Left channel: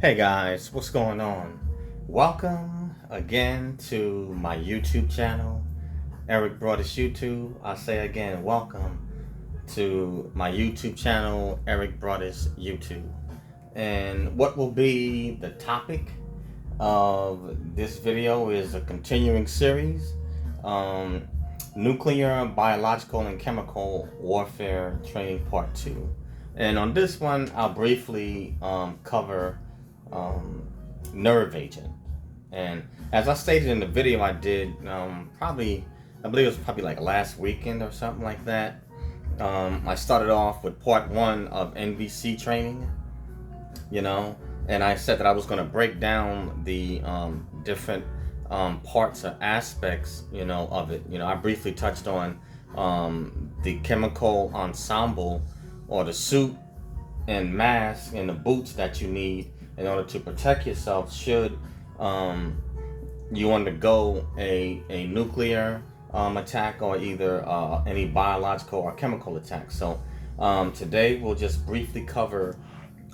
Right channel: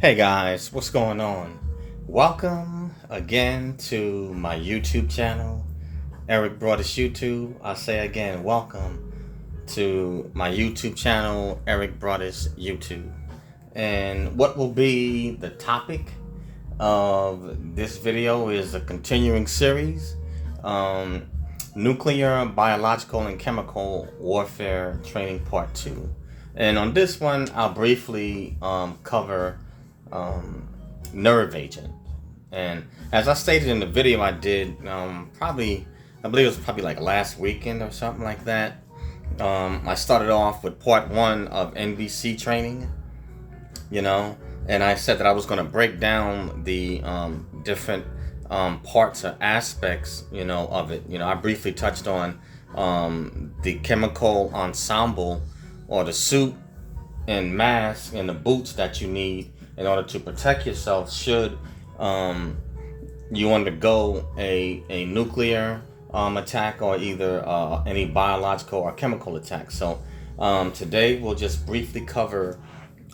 Hey guys, what's going on? Welcome again to my YouTube channel, Eric Broadus YouTube. I say again, welcome to my YouTube channel, Eric Broadus YouTube. And what will be the topic of this video is a continuing series, Nuclear, Biological, and Chemical Warfare Training Part 2. And on this one, I'll briefly cover nerve agent. And as I stated in the video I did, I believe it was probably like last weekend or something like that. I started off with part 1 of NBC training, and I said that I was going to break down the different parts or aspects, of it. I briefly touched on the chemical ensemble, or the suit and mask and the boots that you need in order to protect yourself should you undergo a nuclear attack, or either any biological or chemical attack. So today we'll just briefly cover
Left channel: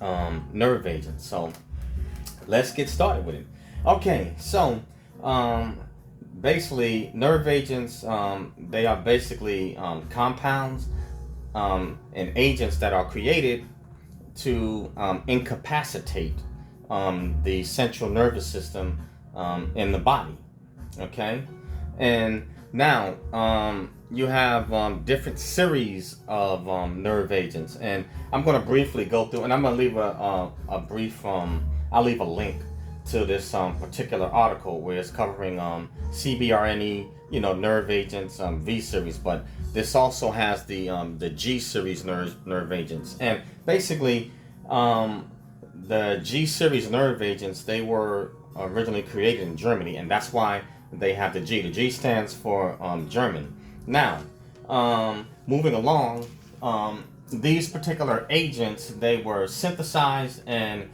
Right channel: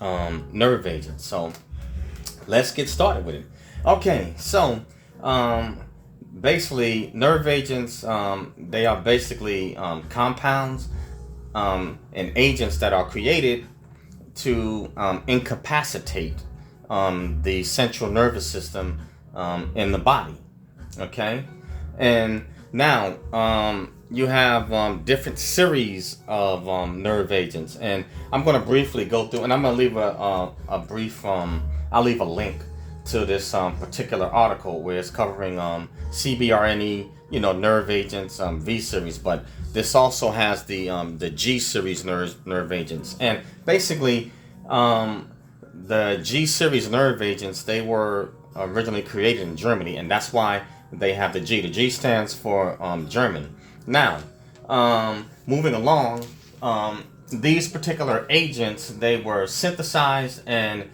nerve agents. So let's get started with it. Okay, so basically nerve agents, they are basically compounds and agents that are created to incapacitate the central nervous system in the body. Okay, and now you have different series of nerve agents, and I'm going to briefly go through, and I'm going to leave a brief I'll leave a link to this particular article where it's covering CBRNE, nerve agents, V series, but this also has the G series nerve agents. And basically the G series nerve agents, they were originally created in Germany, and that's why they have the G. The G stands for German. Now, moving along, these particular agents, they were synthesized and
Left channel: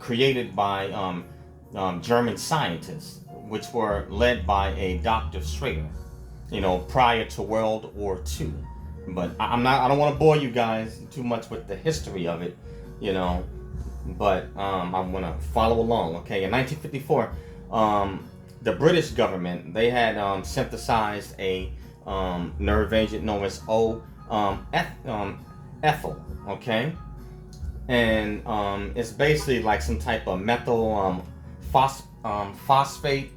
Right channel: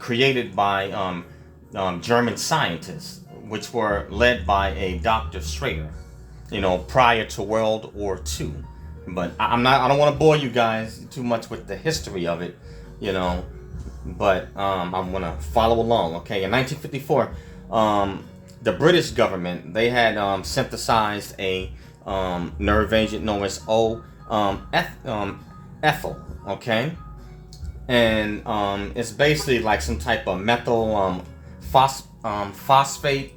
created by German scientists, which were led by a Dr. Schrader, prior to World War II. But I don't want to bore you guys too much with the history of it, but I'm going to follow along. Okay, in 1954, the British government, they had synthesized a nerve agent known as ethyl, okay? And it's basically like some type of methyl phosphate,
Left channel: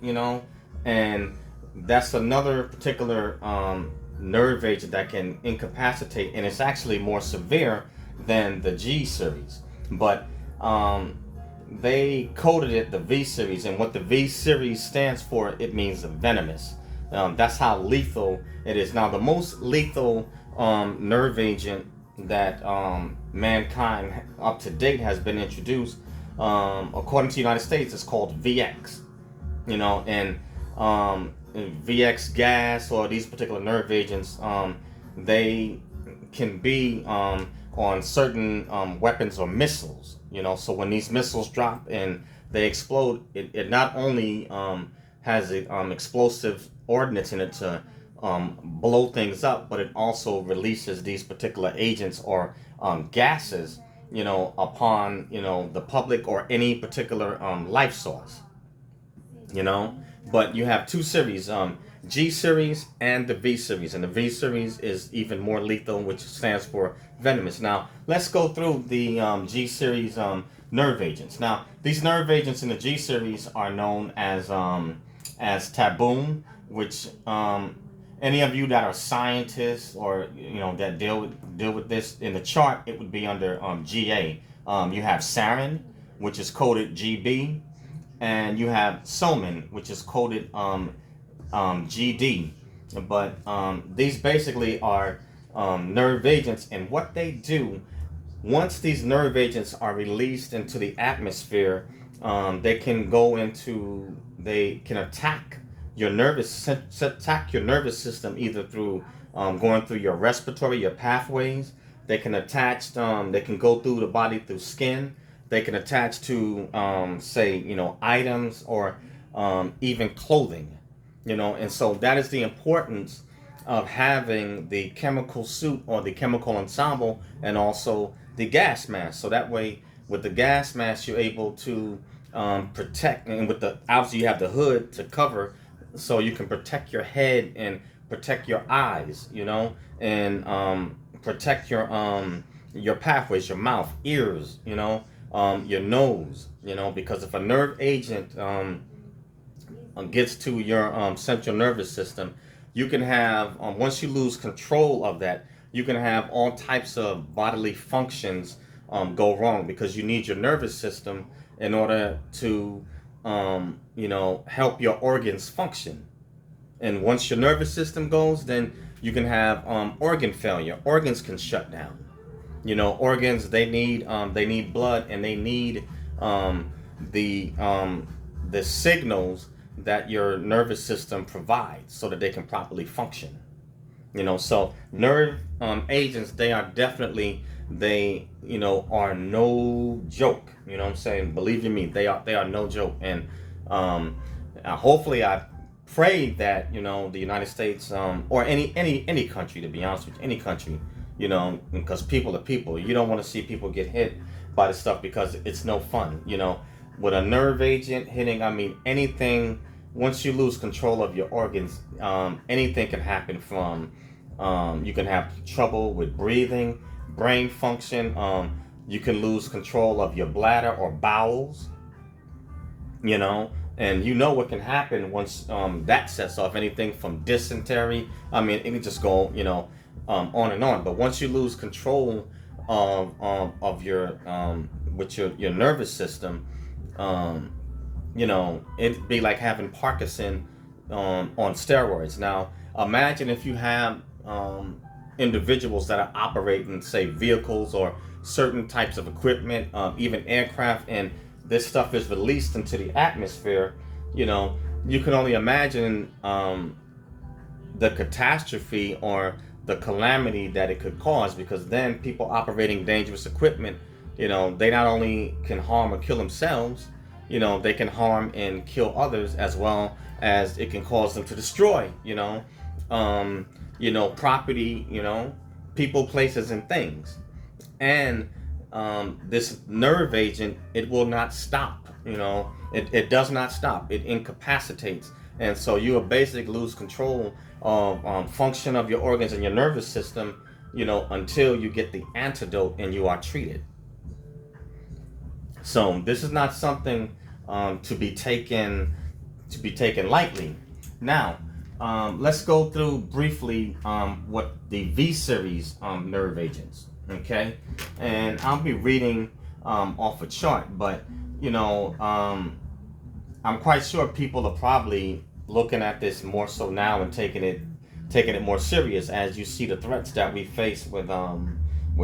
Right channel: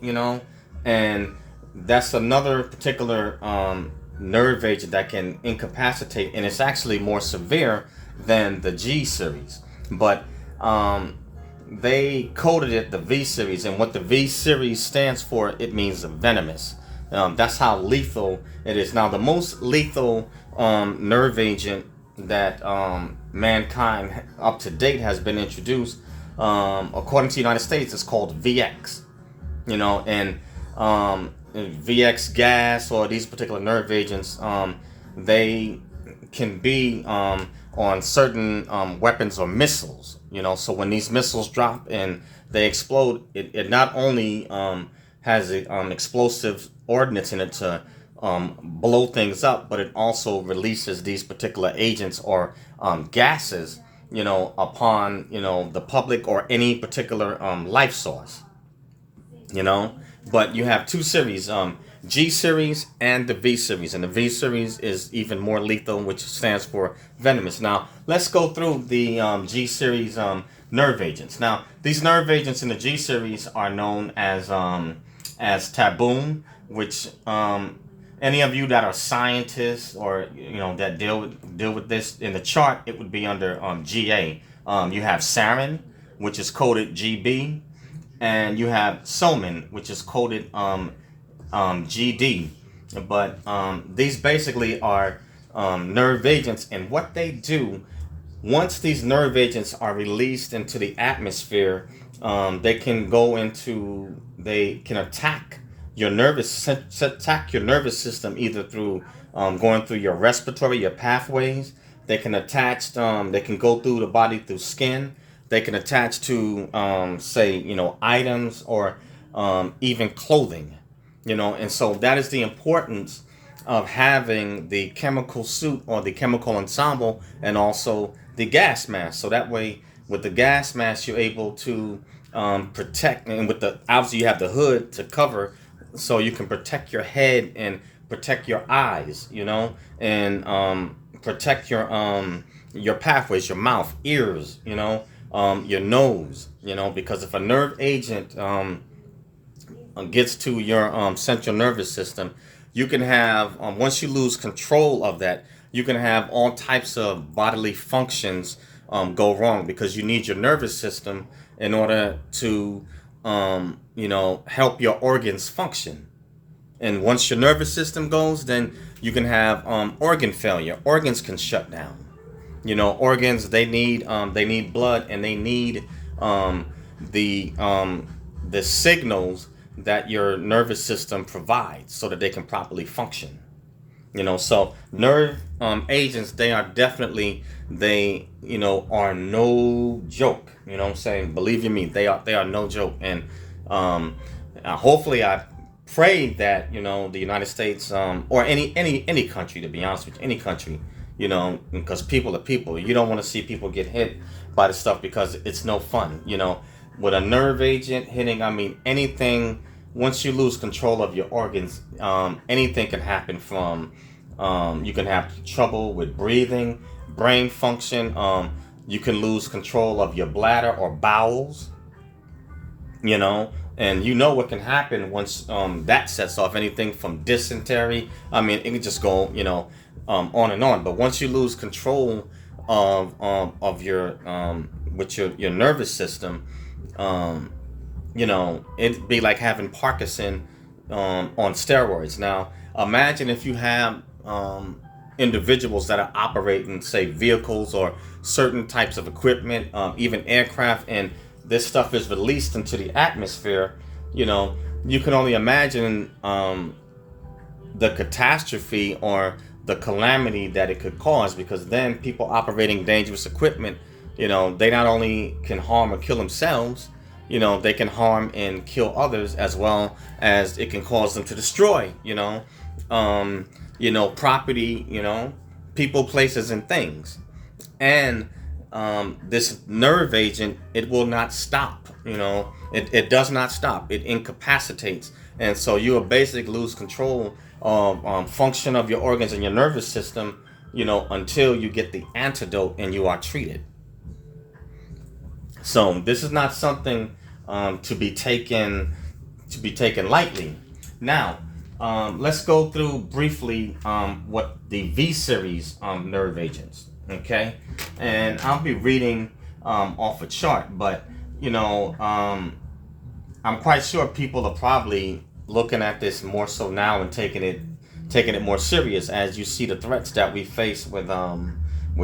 and that's another particular nerve agent that can incapacitate, and it's actually more severe than the G series. But they coded it the V series, and what the V series stands for, it means venomous. That's how lethal it is. Now, the most lethal nerve agent that mankind up to date has been introduced, according to the United States, is called VX. And VX gas, or these particular nerve agents, they can be on certain weapons or missiles. So when these missiles drop and they explode, it not only has explosive ordnance in it to blow things up, but it also releases these particular agents or gases, upon the public or any particular life source. But you have two series, G series and the V series, and the V series is even more lethal, which stands for venomous. Now let's go through the G series nerve agents. Now these nerve agents in the G series are known as taboon, which any of you that are scientists or that deal with this in the chart, it would be under GA. You have sarin, which is coded GB, and you have soman, which is coded GD. But these basically are nerve agents, and what they do, once these nerve agents are released into the atmosphere, they can attack your nervous system, either through going through your respiratory, your pathways. They can they can go through the body through skin. They can attach to say items, or even clothing, and so that is the importance of having the chemical suit or the chemical ensemble, and also the gas mask. So that way, with the gas mask, you're able to protect, and with the obviously you have the hood to cover, so you can protect your head and protect your eyes, and protect your pathways, your mouth, ears, your nose, because if a nerve agent gets to your central nervous system, you can have once you lose control of that, you can have all types of bodily functions go wrong, because you need your nervous system in order to help your organs function. And once your nervous system goes, then you can have organ failure. Organs can shut down. Organs, they need blood, and they need the signals that your nervous system provides so that they can properly function. So nerve agents, they are definitely, they are no joke. You know what I'm saying? Believe you me, they are no joke. And hopefully, I pray that the United States, or any country, to be honest with you, any country, because people are people. You don't want to see people get hit by the stuff, because it's no fun. With a nerve agent hitting, I mean, anything. Once you lose control of your organs, anything can happen. From you can have trouble with breathing, brain function. You can lose control of your bladder or bowels. And what can happen once that sets off. Anything from dysentery. I mean, it can just go on and on. But once you lose control of your with your nervous system, it'd be like having Parkinson on steroids. Now, imagine if you have individuals that are operating, say, vehicles or certain types of equipment, even aircraft, and this stuff is released into the atmosphere. You can only imagine the catastrophe or the calamity that it could cause, because then people operating dangerous equipment, they not only can harm or kill themselves, they can harm and kill others, as well as it can cause them to destroy, property, people, places, and things. And this nerve agent, it will not stop. It does not stop. It incapacitates, and so you will basically lose control of function of your organs and your nervous system, until you get the antidote and you are treated. So this is not something to be taken lightly. Now, let's go through briefly what the V series nerve agents. Okay, and I'll be reading off a chart, but I'm quite sure people are probably looking at this more so now and taking it more serious, as you see the threats that we face with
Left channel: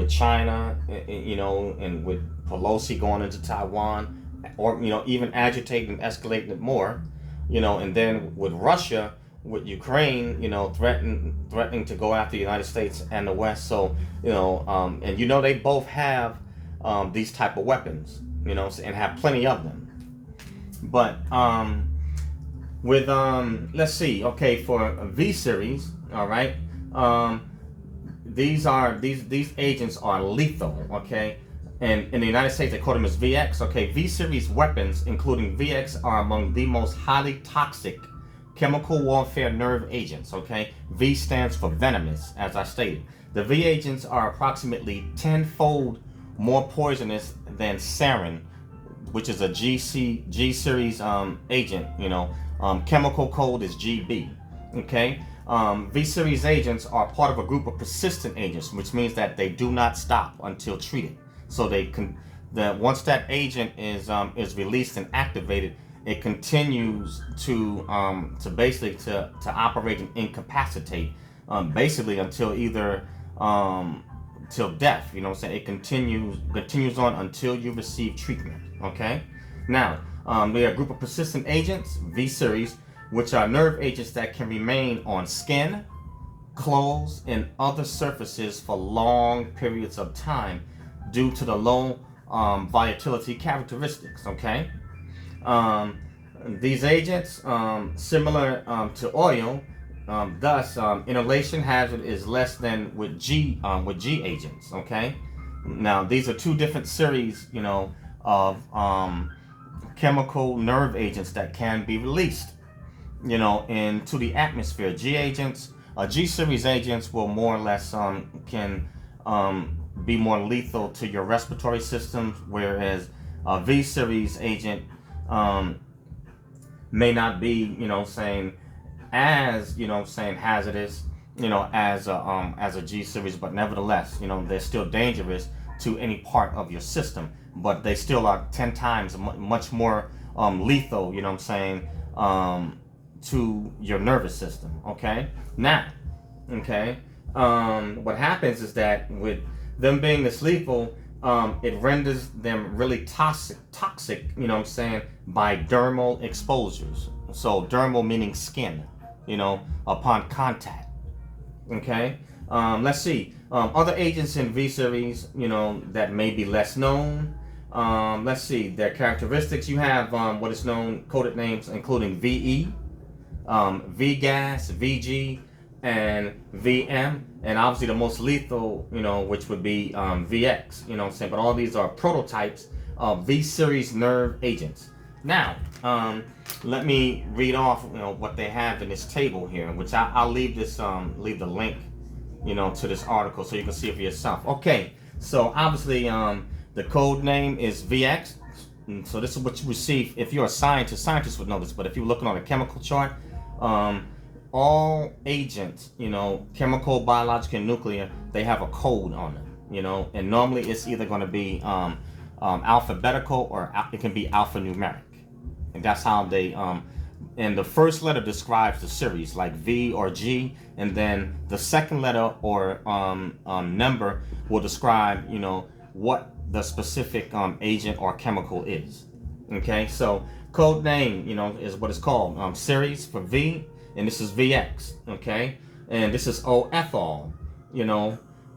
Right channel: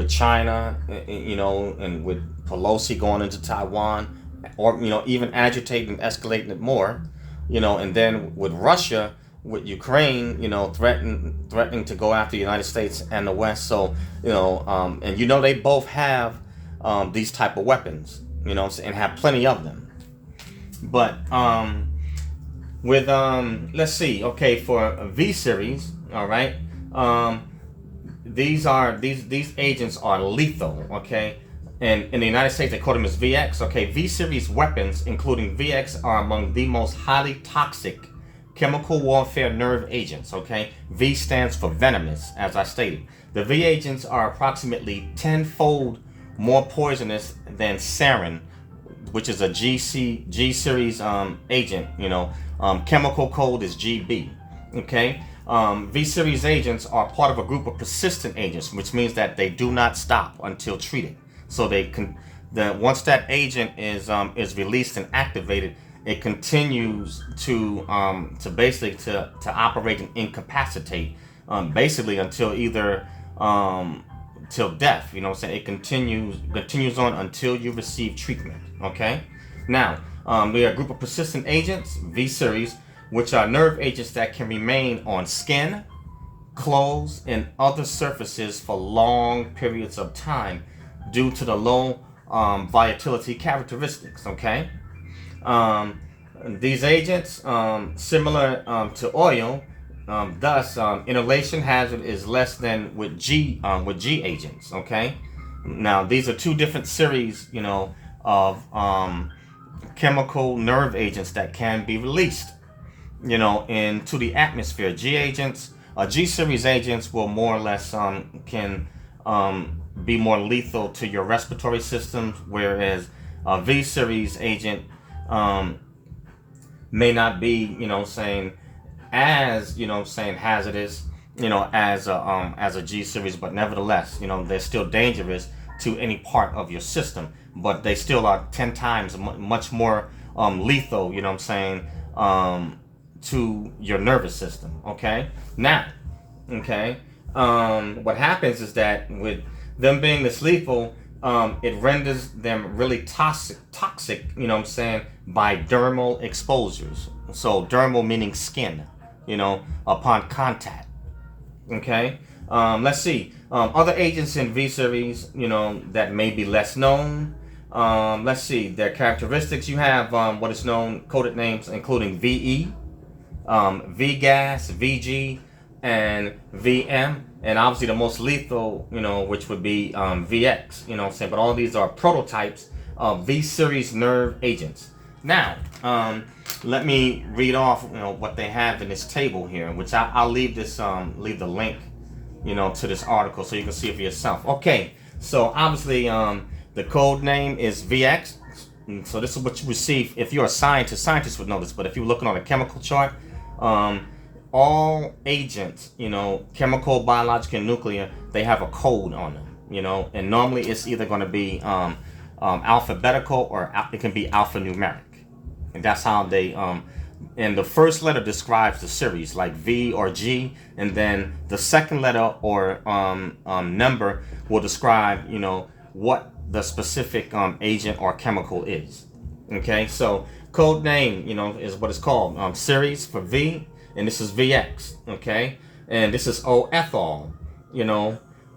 China, and with Pelosi going into Taiwan, or even agitating, escalating it more, and then with Russia, with Ukraine, threatening to go after the United States and the West. So and they both have these type of weapons, and have plenty of them. But with let's see, okay, for V series, all right, these agents are lethal, okay, and in the United States they call them as VX. Okay, V series weapons, including VX, are among the most highly toxic chemical warfare nerve agents. Okay, V stands for venomous, as I stated. The V agents are approximately 10-fold more poisonous than sarin, which is a G series agent. Chemical code is GB. Okay, V series agents are part of a group of persistent agents, which means that they do not stop until treated. So once that agent is released and activated, it continues to basically to operate and incapacitate, basically until either till death. It continues on until you receive treatment. Okay, now we are a group of persistent agents, V series, which are nerve agents that can remain on skin, clothes, and other surfaces for long periods of time due to the low volatility characteristics. Okay. These agents, similar to oil, thus inhalation hazard is less than with G agents. Okay, Now, these are two different series, of chemical nerve agents that can be released, into the atmosphere. G series agents will more or less can be more lethal to your respiratory system, whereas a V series agent may not be, saying as hazardous, as a G series, but nevertheless, they're still dangerous to any part of your system, but they still are 10 times much more lethal, to your nervous system. Okay, now, what happens is that with them being this lethal, it renders them really toxic, by dermal exposures. So dermal meaning skin, upon contact. Okay, let's see. Other agents in V series, that may be less known. Let's see their characteristics. You have what is known coded names including VE, V gas, VG, and VM, and obviously the most lethal, which would be VX. But all these are prototypes of V series nerve agents. Now, let me read off, what they have in this table here, which I'll leave this, leave the link, to this article so you can see it for yourself. Okay, so obviously, the code name is VX. So this is what you receive if you're a scientist. Scientists would know this, but if you're looking on a chemical chart, all agents, chemical, biological, and nuclear, they have a code on them, and normally it's either going to be alphabetical or it can be alphanumeric, and that's how they and the first letter describes the series, like V or G, and then the second letter or number will describe, what the specific agent or chemical is. Okay, so code name, is what it's called, series for V, and this is VX. Okay, and this is O-ethyl,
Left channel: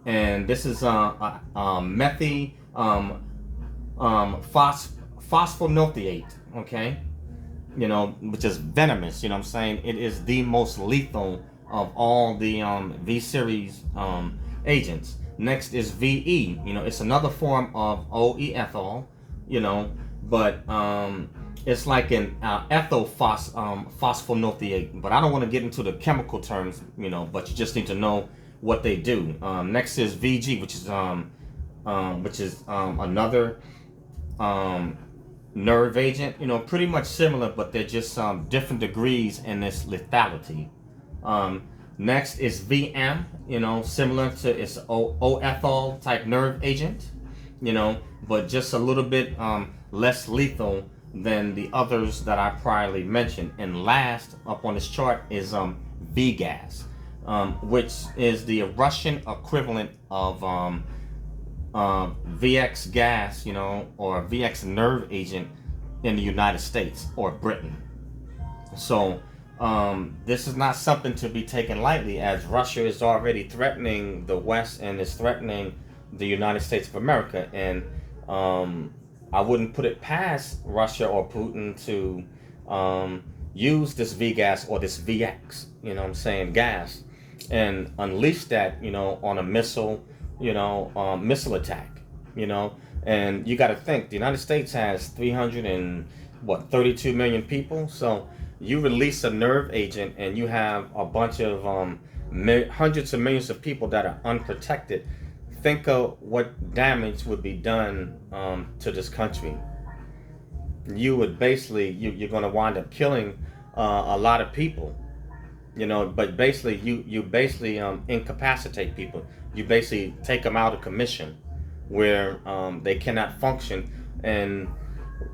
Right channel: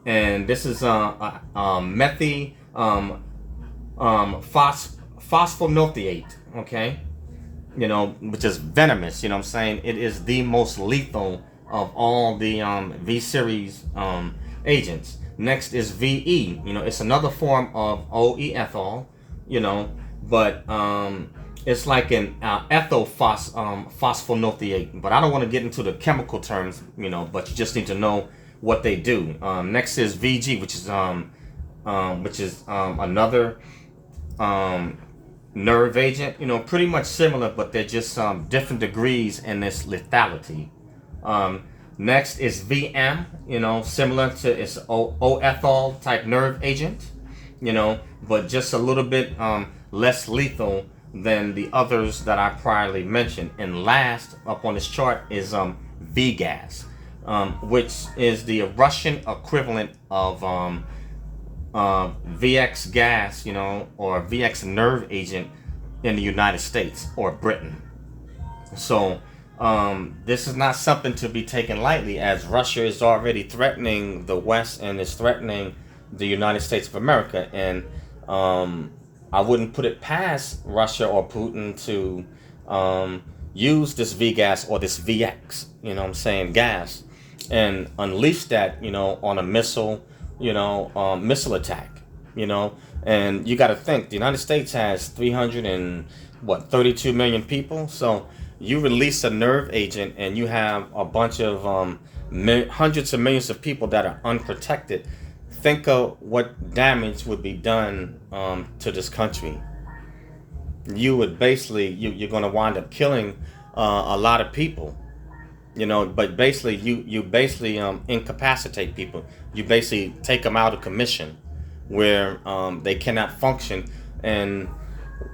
and this is methy phosphonothiate. Okay, which is venomous. It is the most lethal of all the V series agents. Next is VE. It's another form of O-ethyl, but it's like an ethyl phosphonothiate. But I don't want to get into the chemical terms, but you just need to know what they do. Next is VG, which is another nerve agent. Pretty much similar, but they're just different degrees in this lethality. Next is VM, similar to its O-ethyl type nerve agent, but just a little bit less lethal than the others that I priorly mentioned. And last up on this chart is V gas, which is the Russian equivalent of VX gas, or VX nerve agent in the United States or Britain. So this is not something to be taken lightly, as Russia is already threatening the West and is threatening the United States of America. And I wouldn't put it past Russia or Putin to use this V gas or this VX, gas, and unleash that, on a missile, missile attack, and you got to think the United States has 32 million people. So you release a nerve agent and you have a bunch of hundreds of millions of people that are unprotected. Think of what damage would be done to this country. You would basically, you're going to wind up killing a lot of people, but basically you basically incapacitate people. You basically take them out of commission where they cannot function. And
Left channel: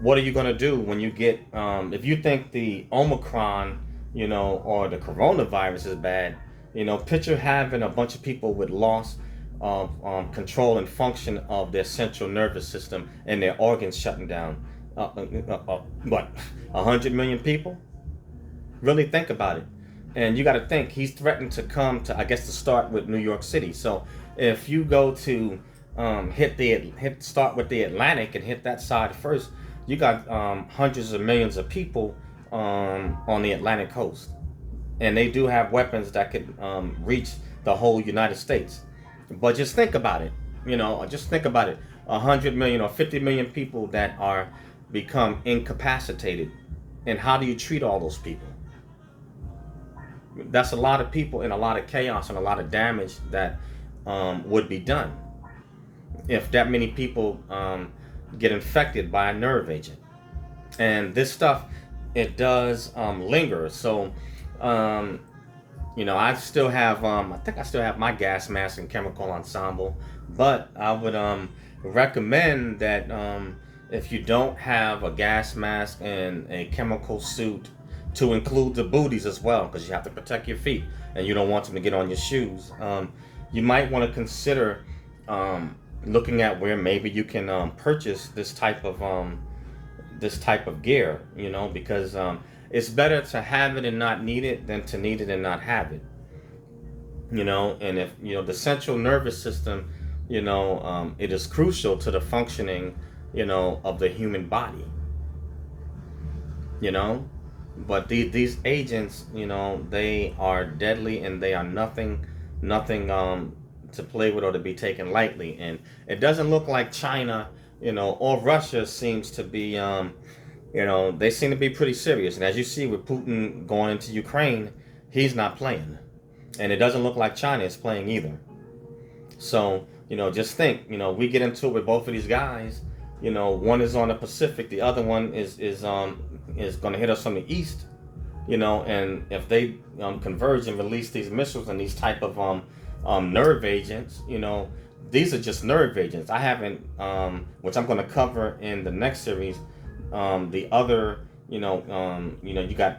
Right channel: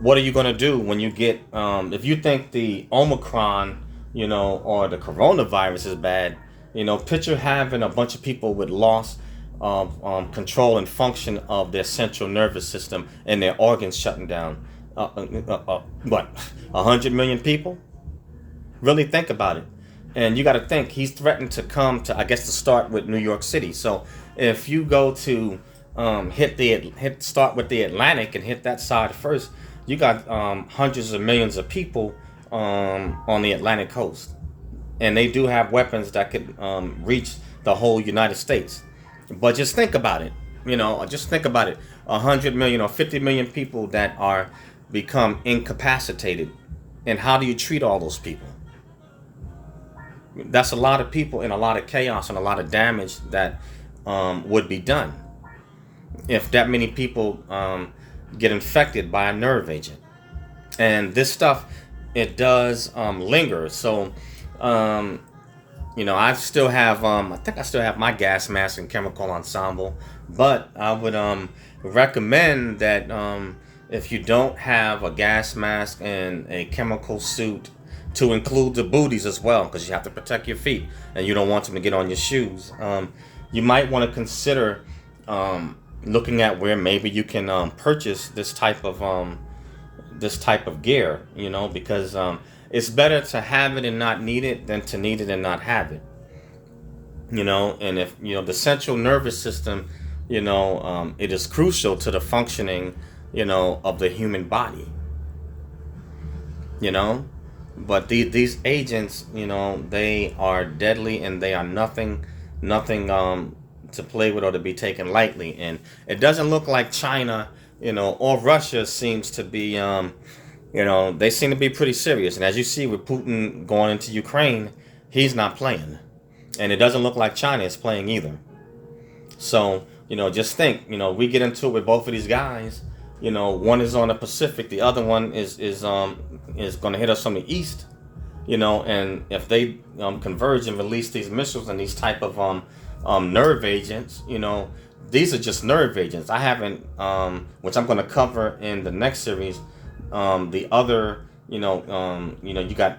what are you going to do when you get, if you think the Omicron, or the coronavirus is bad, picture having a bunch of people with loss of control and function of their central nervous system and their organs shutting down. What, 100 million people? Really think about it. And you got to think, he's threatened to come to, I guess, to start with New York City. So if you go to start with the Atlantic and hit that side first, you got hundreds of millions of people on the Atlantic coast, and they do have weapons that could reach the whole United States. But just think about it. Just think about it: 100 million or 50 million people that are become incapacitated, and how do you treat all those people? That's a lot of people and a lot of chaos and a lot of damage that would be done if that many people get infected by a nerve agent. And this stuff, it does linger. So I still have I think I still have my gas mask and chemical ensemble, but I would recommend that if you don't have a gas mask and a chemical suit, to include the booties as well, because you have to protect your feet and you don't want them to get on your shoes. You might want to consider looking at where maybe you can purchase this type of gear, because it's better to have it and not need it than to need it and not have it. And if the central nervous system, it is crucial to the functioning, of the human body. But these agents, they are deadly, and they are nothing to play with or to be taken lightly. And it doesn't look like China, or Russia seems to be, they seem to be pretty serious. And as you see with Putin going into Ukraine, he's not playing. And it doesn't look like China is playing either. So, just think, we get into it with both of these guys. One is on the Pacific, the other one is going to hit us from the east. And if they converge and release these missiles and these type of nerve agents, these are just nerve agents. I haven't, which I'm going to cover in the next series. The other, you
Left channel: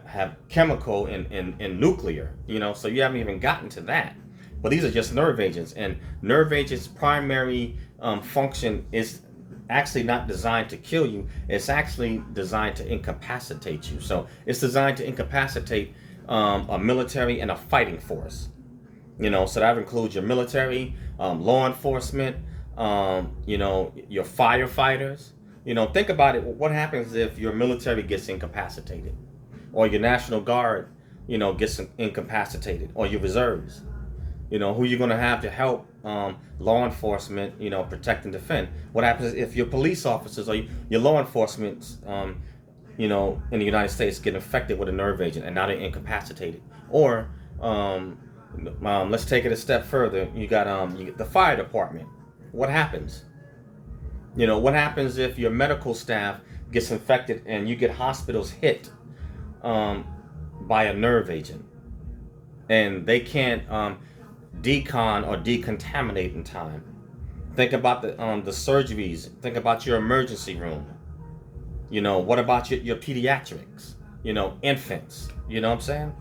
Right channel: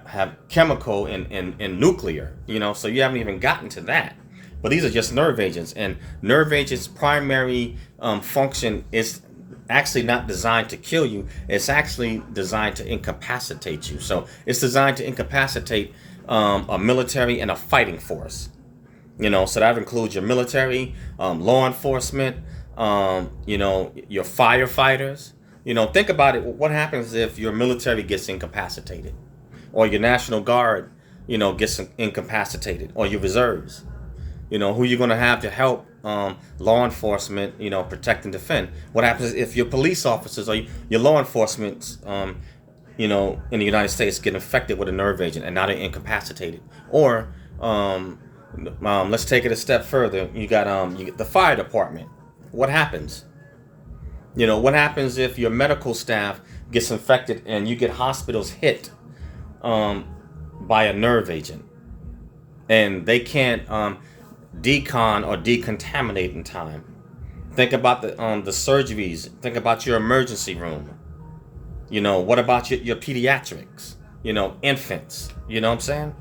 have chemical and nuclear. So you haven't even gotten to that. But these are just nerve agents, and nerve agents' primary function is actually not designed to kill you. It's actually designed to incapacitate you. So it's designed to incapacitate a military and a fighting force. So that includes your military, law enforcement, your firefighters. Think about it. What happens if your military gets incapacitated, or your National Guard, gets incapacitated, or your reserves? Who you're going to have to help law enforcement, protect and defend? What happens if your police officers or your law enforcement, in the United States get infected with a nerve agent and now they're incapacitated? Or let's take it a step further. You get the fire department. What happens? What happens if your medical staff gets infected and you get hospitals hit by a nerve agent and they can't decon or decontaminate in time? Think about the surgeries. Think about your emergency room. What about your pediatrics? Infants. You know what I'm saying?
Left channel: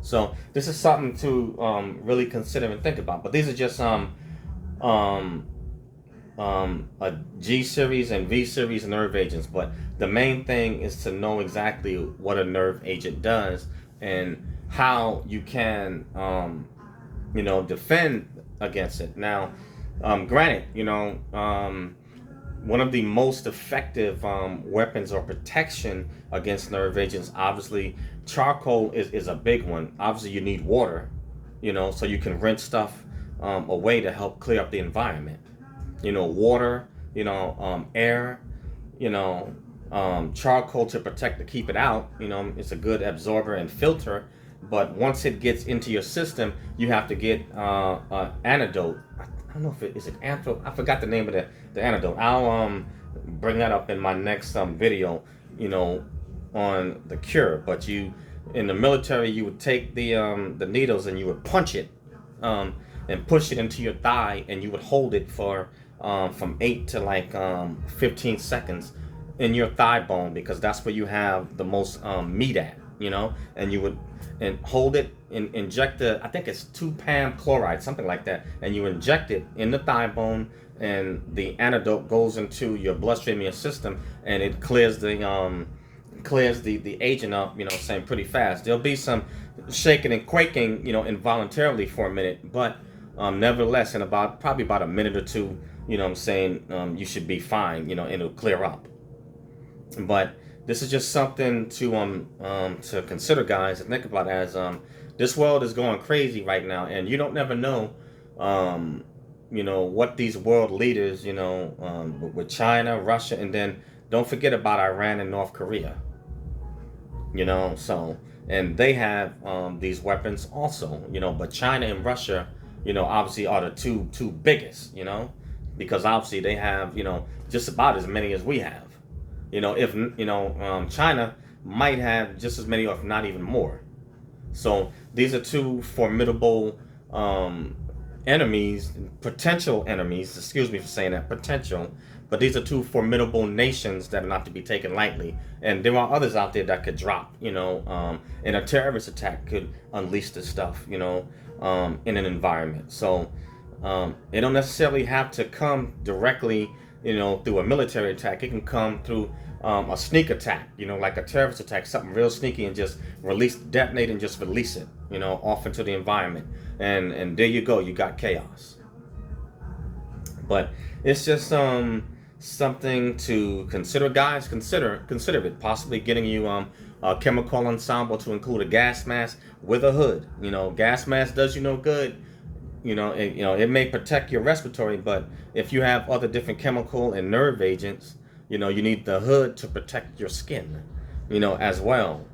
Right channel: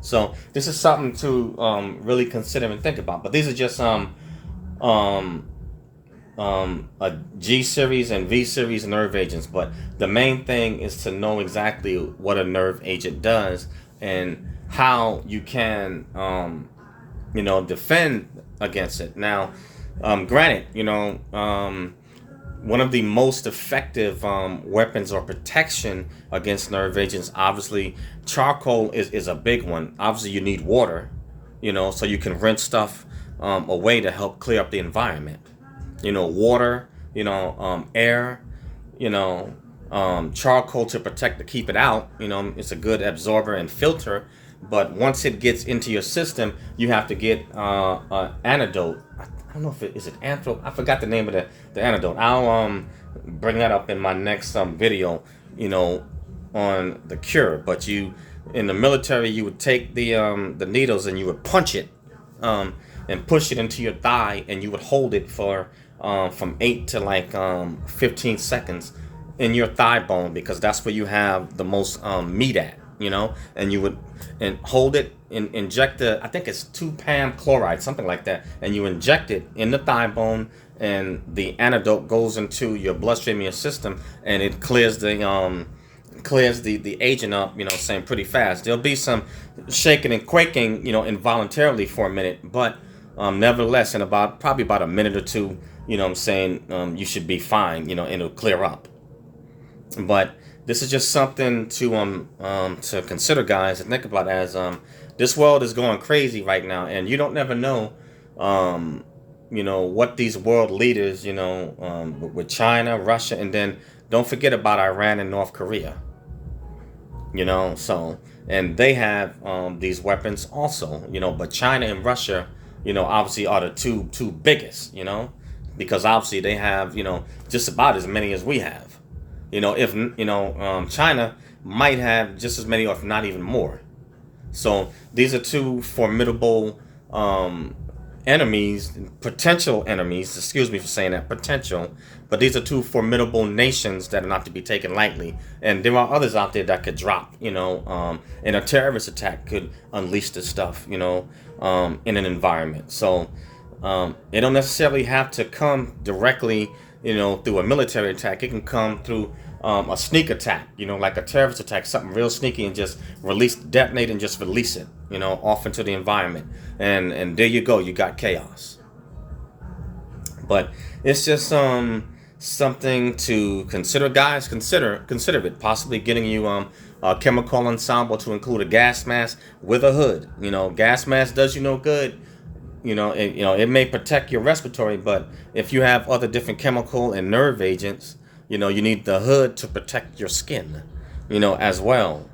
So this is something to really consider and think about. But these are just a G series and V series nerve agents. But the main thing is to know exactly what a nerve agent does and how you can defend against it. Now, granted, one of the most effective weapons or protection against nerve agents, obviously, charcoal is a big one. Obviously, you need water, so you can rinse stuff away to help clear up the environment. Water, air, charcoal to protect, to keep it out. It's a good absorber and filter. But once it gets into your system, you have to get an antidote. I don't know if is antho. I forgot the name of the antidote. I'll bring that up in my next video. On the cure. But in the military, you would take the needles and you would punch it and push it into your thigh, and you would hold it for from 8 to 15 seconds in your thigh bone, because that's where you have the most meat at. And you would hold it and inject I think it's 2-PAM chloride, something like that, and you inject it in the thigh bone, and the antidote goes into your bloodstream, your system, and it clears the agent up, saying pretty fast. There'll be some shaking and quaking, involuntarily for a minute, but nevertheless, in probably about a minute or two, you should be fine, and it'll clear up. But this is just something to consider, guys, and think about, as this world is going crazy right now, and you don't never know what these world leaders, with China, Russia, and then don't forget about Iran and North Korea. So, and they have these weapons also, but China and Russia, obviously are the two biggest, because obviously they have, just about as many as we have. If China might have just as many, or if not even more. So these are two formidable enemies, potential enemies. Excuse me for saying that, potential. But these are two formidable nations that are not to be taken lightly. And there are others out there that could drop, and a terrorist attack could unleash this stuff, in an environment. So it don't necessarily have to come directly, through a military attack. It can come through a sneak attack, like a terrorist attack, something real sneaky, and just detonate and just release it, off into the environment. And there you go, you got chaos. But it's just something to consider, guys. Consider it. Possibly getting you a chemical ensemble to include a gas mask with a hood. Gas mask does you no good. It may protect your respiratory, but if you have other different chemical and nerve agents, you need the hood to protect your skin, as well.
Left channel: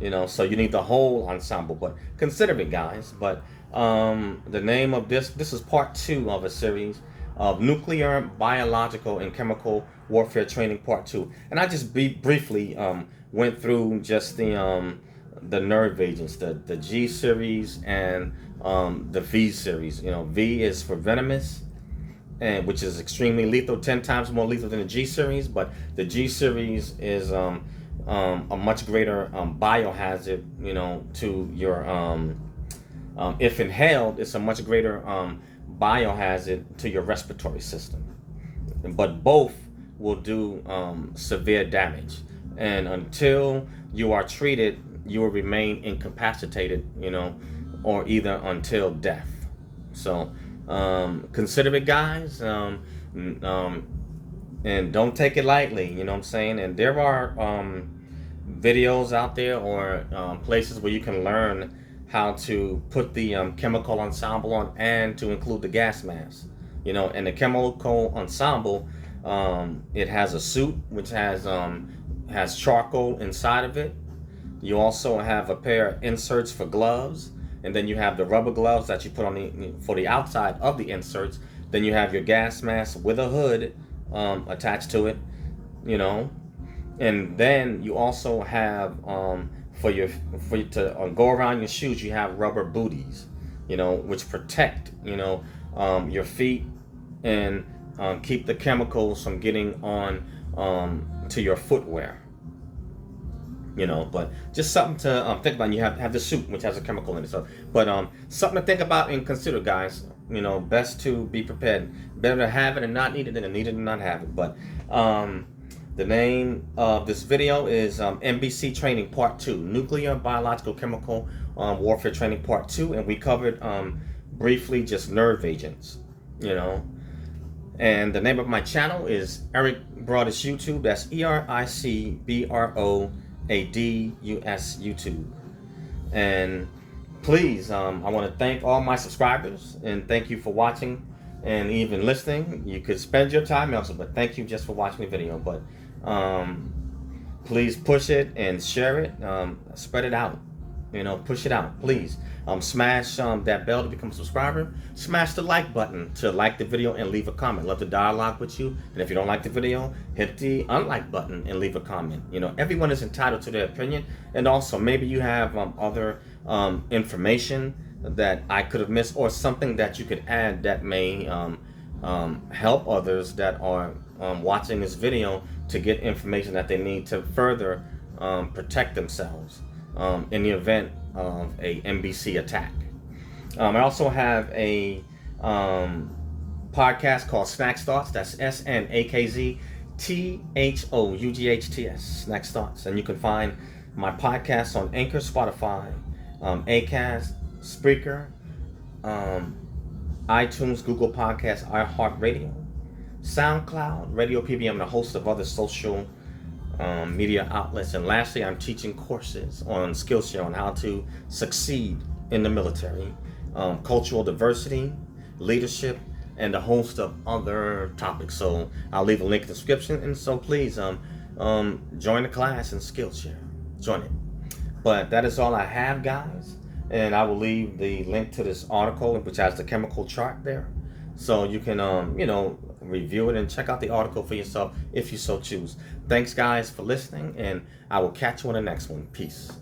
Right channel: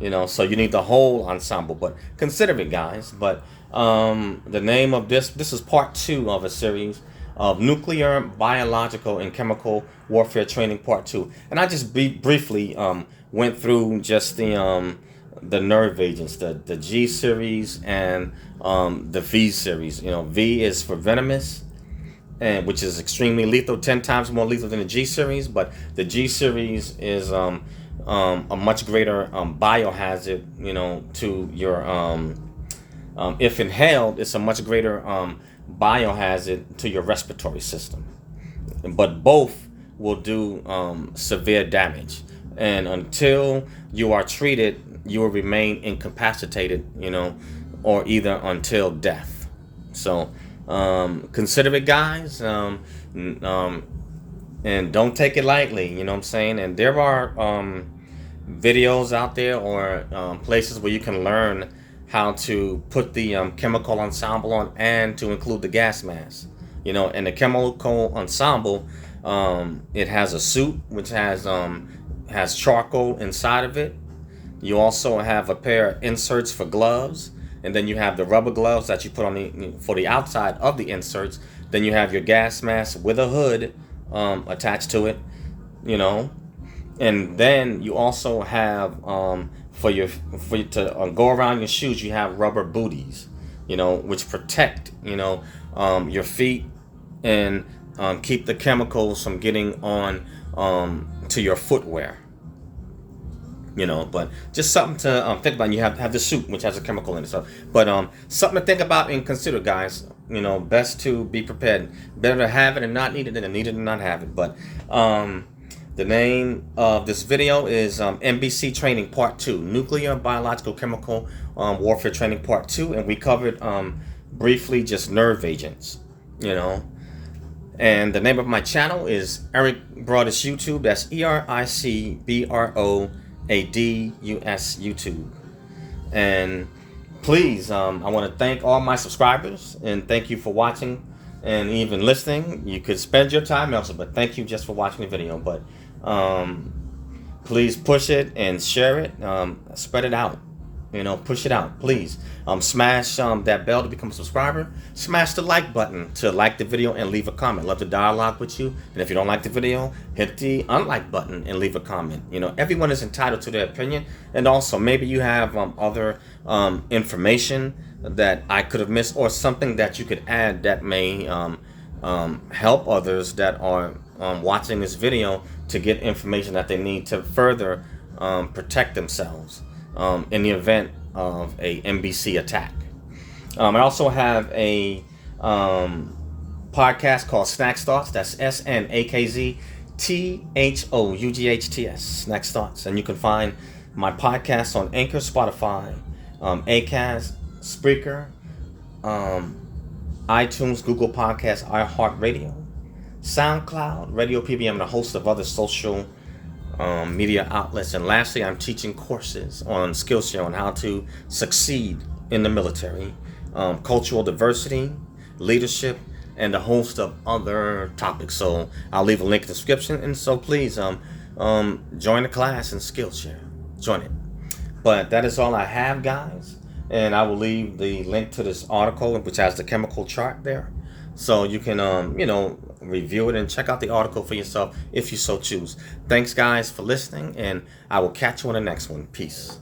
So you need the whole ensemble. But consider it, guys. But the name of this is part 2 of a series of nuclear, biological, and chemical warfare training, part 2. And I just briefly went through just the nerve agents, the G series and the V series. V is for venomous, and which is extremely lethal, 10 times more lethal than the G series. But the G series is a much greater biohazard, to your if inhaled, it's a much greater biohazard to your respiratory system. But both will do severe damage, and until you are treated, you will remain incapacitated, or either until death. So consider it, guys, and don't take it lightly. You know what I'm saying? And there are videos out there, or places where you can learn how to put the chemical ensemble on, and to include the gas mask. And the chemical ensemble, it has a suit which has charcoal inside of it. You also have a pair of inserts for gloves, and then you have the rubber gloves that you put on for the outside of the inserts. Then you have your gas mask with a hood attached to it, and then you also have for you to go around your shoes, you have rubber booties, which protect your feet and keep the chemicals from getting on to your footwear. But just something to think about. You have the suit, which has a chemical in it. So, but something to think about and consider, guys. Best to be prepared. Better to have it and not need it than to need it and not have it. But the name of this video is NBC Training Part 2, Nuclear, Biological, Chemical Warfare Training Part 2, and we covered briefly just nerve agents. And the name of my channel is Eric Broadus YouTube. That's ERICBROADUS YouTube. And please, I want to thank all my subscribers, and thank you for watching and even listening. You could spend your time elsewhere, but thank you just for watching the video. But please push it and share it. Spread it out. Push it out, please. Smash that bell to become a subscriber. Smash the like button to like the video and leave a comment. Love to dialogue with you. And if you don't like the video, hit the unlike button and leave a comment. Everyone is entitled to their opinion. And also, maybe you have other information that I could have missed, or something that you could add that may help others that are watching this video to get information that they need to further protect themselves in the event of a NBC attack. I also have a podcast called Snacks Thoughts. That's SNAKZTHOUGHTS, Snacks Thoughts. And you can find my podcast on Anchor, Spotify, Acast, Spreaker, iTunes, Google Podcasts, iHeartRadio, SoundCloud, Radio PBM, and a host of other social media outlets. And lastly, I'm teaching courses on Skillshare on how to succeed in the military, cultural diversity, leadership, and a host of other topics. So I'll leave a link in the description, and so please join the class and Skillshare. Join it. But that is all I have, guys. And I will leave the link to this article, which has the chemical chart there. So you can, review it and check out the article for yourself if you so choose. Thanks, guys, for listening. And I will catch you on the next one. Peace.